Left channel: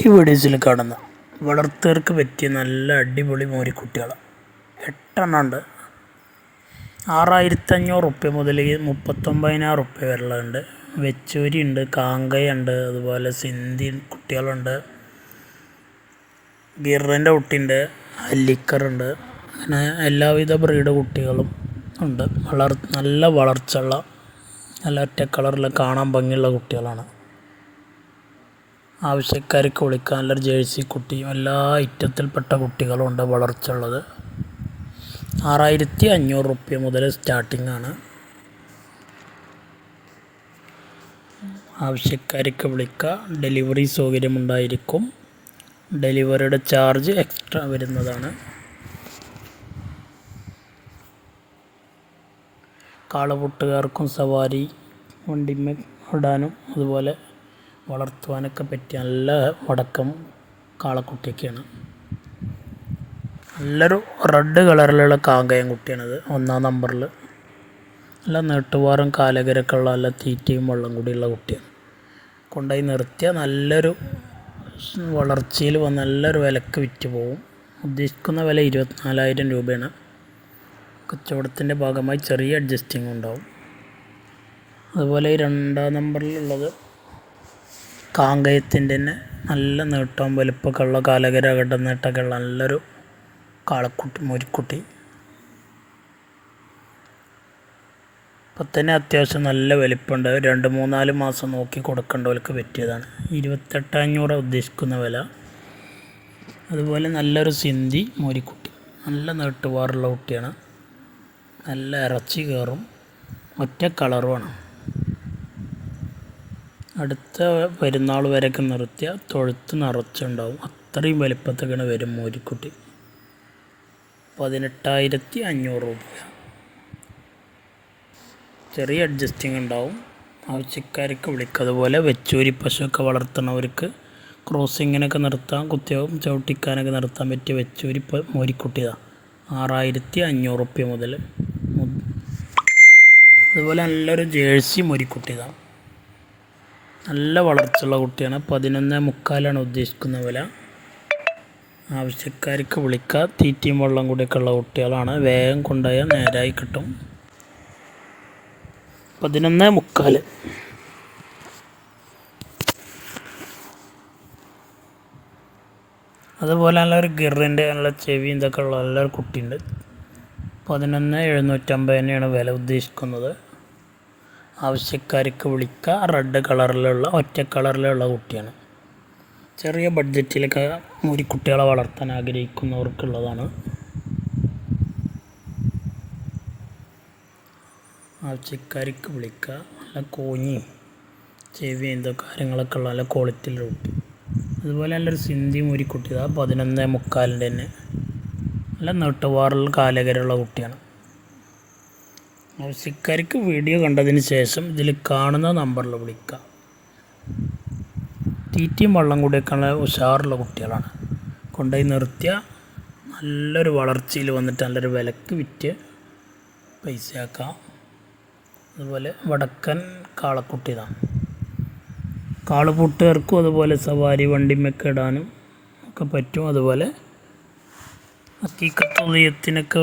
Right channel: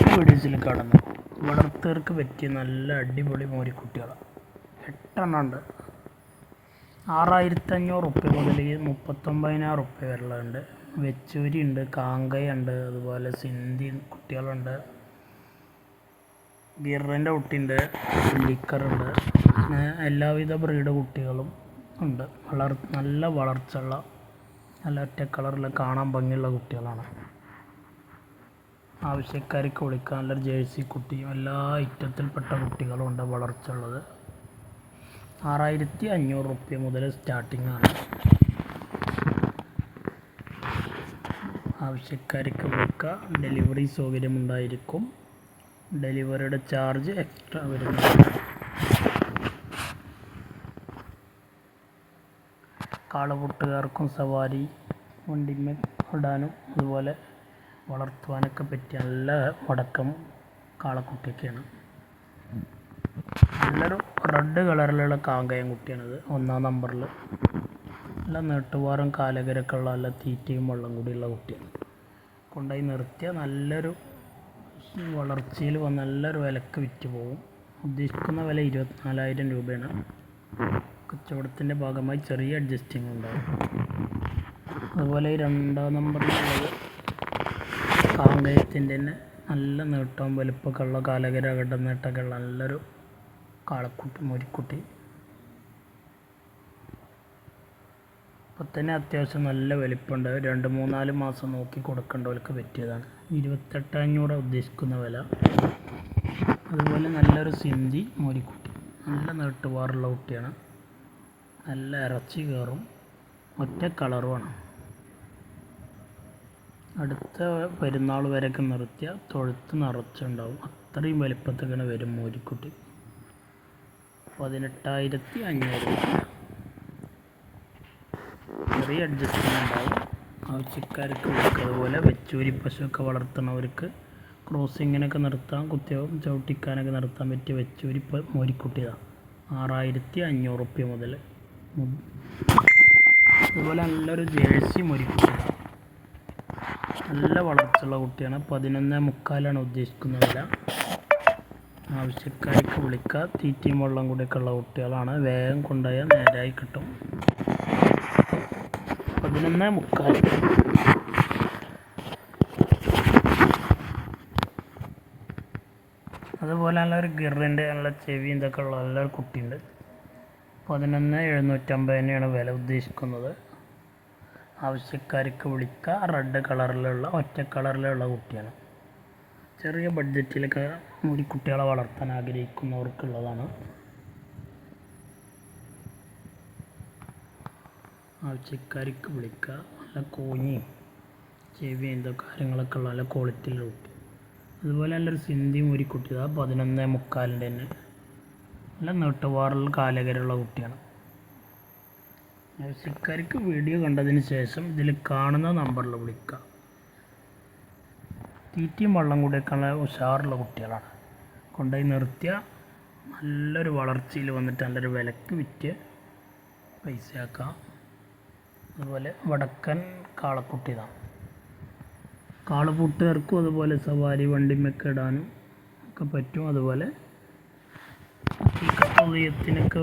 ഈ വീഡിയോസിൽ കാണുന്ന വളർത്തുകാർക്ക് പറ്റിയ നല്ല അടിപൊളി മോരിക്കുട്ടികളാണ്. 8 ഉണ്ട്. 6500 റുപ്യ മുതൽ 39,000 റുപ്യ വരെയുണ്ട്. വെച്ചൂരി ഉണ്ട്, കാങ്കയുണ്ട്, അതുപോലെ സിന്ധി കുട്ടികളുണ്ട്, ഗിറിൻ്റെ കുട്ടിയുണ്ട്, അല്ലിക്കറുണ്ട്. അങ്ങനെ എല്ലാവിധ ബ്രീഡ് കുട്ടികളും ഉണ്ട്. നല്ല വളർച്ചയുള്ള നല്ല ഒറ്റ കളറിൽ കാണാൻ ഭംഗിയുള്ള കുട്ടികളാണ്. ആവശ്യക്കാർക്ക് വിളിക്കാൻ നല്ലൊരു ജേഴ്സി കുട്ടിയും എല്ലാ ഐറ്റത്തിൽപ്പെട്ട കുട്ടികളും ഉണ്ട് വളർച്ചയുള്ളത്. 6500 റുപ്യ മുതൽ സ്റ്റാർട്ടിംഗ് ആണ്. ആവശ്യക്കാർക്ക് വിളിക്കുക. ഡെലിവറി സൗകര്യമുണ്ടായിരിക്കും. ഡെലിവറിയുടെ ചാർജ് എക്സ്ട്രാ വരുന്നതാണ്. കാളപൂട്ടുകാർക്കും സവാരി വണ്ടിമേ ഇടാനും അതുപോലെ വളർത്തുവാനൊക്കെ പറ്റിയ നല്ല വടക്കം കാളക്കുട്ടിയൊക്കെയാണ്. നല്ലൊരു റെഡ് കളറിലുള്ള കാങ്കയം കുട്ടിയാണത്. 1-ാം നമ്പറിൽ നല്ല നീട്ടുവാറും കാലകരൊക്കെ ഉള്ള നല്ല തീറ്റയും വെള്ളം കൂടിയുള്ള കുട്ടിയാണ്. കൊണ്ടുപോയി നിർത്തിയാൽ നല്ലൊരു വളർച്ചയിൽ വന്ന് നല്ലൊരു വിലക്ക് വിറ്റ് പോകും. ഉദ്ദേശിക്കുന്ന വില 24,000 രൂപയാണ്. കച്ചവടത്തിൻ്റെ ഭാഗമായി ചെറിയ അഡ്ജസ്റ്റിംഗ് ഉണ്ടാവും. അതുപോലെ 2-ാം നമ്പറിലുള്ളത് കാങ്കയത്തിൻ്റെ തന്നെ നല്ല നീട്ടവും വലുപ്പമൊക്കെ ഉള്ള കാലകര നീട്ടമൊക്കെ ഉള്ള നല്ലൊരു കാളക്കുട്ടി മോരിക്കുട്ടി. ഇപ്പം തന്നെ അത്യാവശ്യം നല്ല വലിപ്പമുണ്ട്. 2-3-4 മാസം നോക്കി കൊടുക്കേണ്ടവർക്ക് പറ്റിയതാണ്. 28,500 ഉദ്ദേശിക്കുന്ന വില. അതുപോലെ നല്ലൊരു സിന്ധി മോരിക്കുട്ടി, നല്ല നീട്ടുവാറുള്ള കുട്ടിയാണ്. നല്ല ഇറച്ചി കയറും, ഒറ്റ കളറുമാണ്. അടുത്ത പെരുന്നാൾ വരെയൊക്കെ നിർത്തിയ തൊഴുത്ത് നിറച്ചുണ്ടാവും. അത്രയും വലിപ്പത്തൊക്കെയാണ് വരും മോരിക്കുട്ടി. 18,500 രൂപ. ചെറിയ അഡ്ജസ്റ്റിംഗ് ഉണ്ടാവും. ആവശ്യക്കാർക്ക് വിളിക്കുക. അതുപോലെ വെച്ചൂരി പശുവൊക്കെ വളർത്തുന്നവർക്ക് ക്രോസിങ്ങിനൊക്കെ നിർത്താൻ, കുത്തിയാവും ചവിട്ടിക്കാനൊക്കെ നിർത്താൻ പറ്റിയ വെച്ചൂരി മോരിക്കുട്ടിയാണ്. 6,500 റുപ്യ മുതൽ. അതുപോലെ നല്ലൊരു ജേഴ്സി മോരിക്കുട്ടിയാണ്. നല്ല വളർച്ചയുള്ള കുട്ടിയാണ്. 11,300 ഉദ്ദേശിക്കുന്ന വില. ആവശ്യക്കാർക്ക് വിളിക്കുക. തീറ്റയും വെള്ളം കൂടിയൊക്കെ ഉള്ള കുട്ടികളാണ്. വേഗം കൊണ്ടുപോയാൽ നേരായി കിട്ടും. 11,300. അതുപോലെ നല്ലൊരു ഗിറിൻ്റെ നല്ല ചെവി ഇതൊക്കെ ഉള്ള നല്ലൊരു കുട്ടിയുണ്ട്. 11,750 വില ഉദ്ദേശിക്കുന്നത്. ആവശ്യക്കാർക്ക് വിളിക്കുക. റെഡ് കളറിലുള്ള ഒറ്റ കളറിലുള്ള കുട്ടിയാണ്. ചെറിയ ബഡ്ജറ്റിലൊക്കെ മോരിക്കുട്ടികളെ വളർത്താൻ ആഗ്രഹിക്കുന്നവർക്കുള്ളതാണ്. ആവശ്യക്കാർക്ക് വിളിക്കുക. നല്ല കോഞ്ഞിയും ചെവിയും ഇതൊക്കെ കാര്യങ്ങളൊക്കെ ഉള്ള നല്ല ക്വാളിറ്റിയിലുള്ള കുട്ടി. അതുപോലെ നല്ലൊരു സിന്ധി മോരിക്കുട്ടി. 11,300 തന്നെ. നല്ല നീട്ടുവാറിൽ കാലകരമുള്ള കുട്ടിയാണ്. ആവശ്യക്കാർക്ക് വീഡിയോ കണ്ടതിന് ശേഷം ഇതിൽ കാണുന്ന നമ്പറിൽ വിളിക്കുക. തീറ്റയും വെള്ളം കൂടിയൊക്കെയുള്ള ഉഷാറുള്ള കുട്ടികളാണ്. കൊണ്ടുപോയി നിർത്തിയ നല്ലൊരു വളർച്ചയിൽ വന്നിട്ട് നല്ലൊരു വിലക്ക് വിറ്റ് പൈസയാക്കാം. അതുപോലെ വടക്കൻ കാളക്കുട്ടി ഇതാണ്. കാളപൂട്ടുകാർക്കും അതുപോലെ സവാരി വണ്ടിമൊക്കെ ഇടാനും ഒക്കെ പറ്റും. അതുപോലെ ഹക്കീക്കത്തുളിയത്തിനൊക്കെ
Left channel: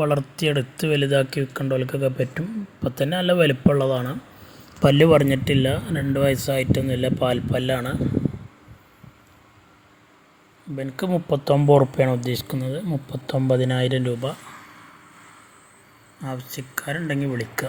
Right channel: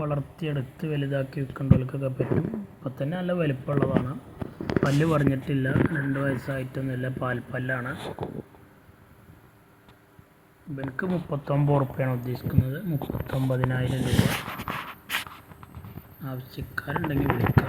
വളർത്തിയെടുത്ത് വലുതാക്കി വിൽക്കേണ്ടവർക്കൊക്കെ പറ്റും. ഇപ്പം തന്നെ നല്ല വലുപ്പമുള്ളതാണ്. പല്ല് പറഞ്ഞിട്ടില്ല, 2 വയസ്സായിട്ടൊന്നുമില്ല, പാൽപ്പല്ലാണ്. എനിക്ക് 39 റുപ്യാണ് ഉദ്ദേശിക്കുന്നത്. 39,000 രൂപ. ആവശ്യക്കാരുണ്ടെങ്കിൽ വിളിക്കുക.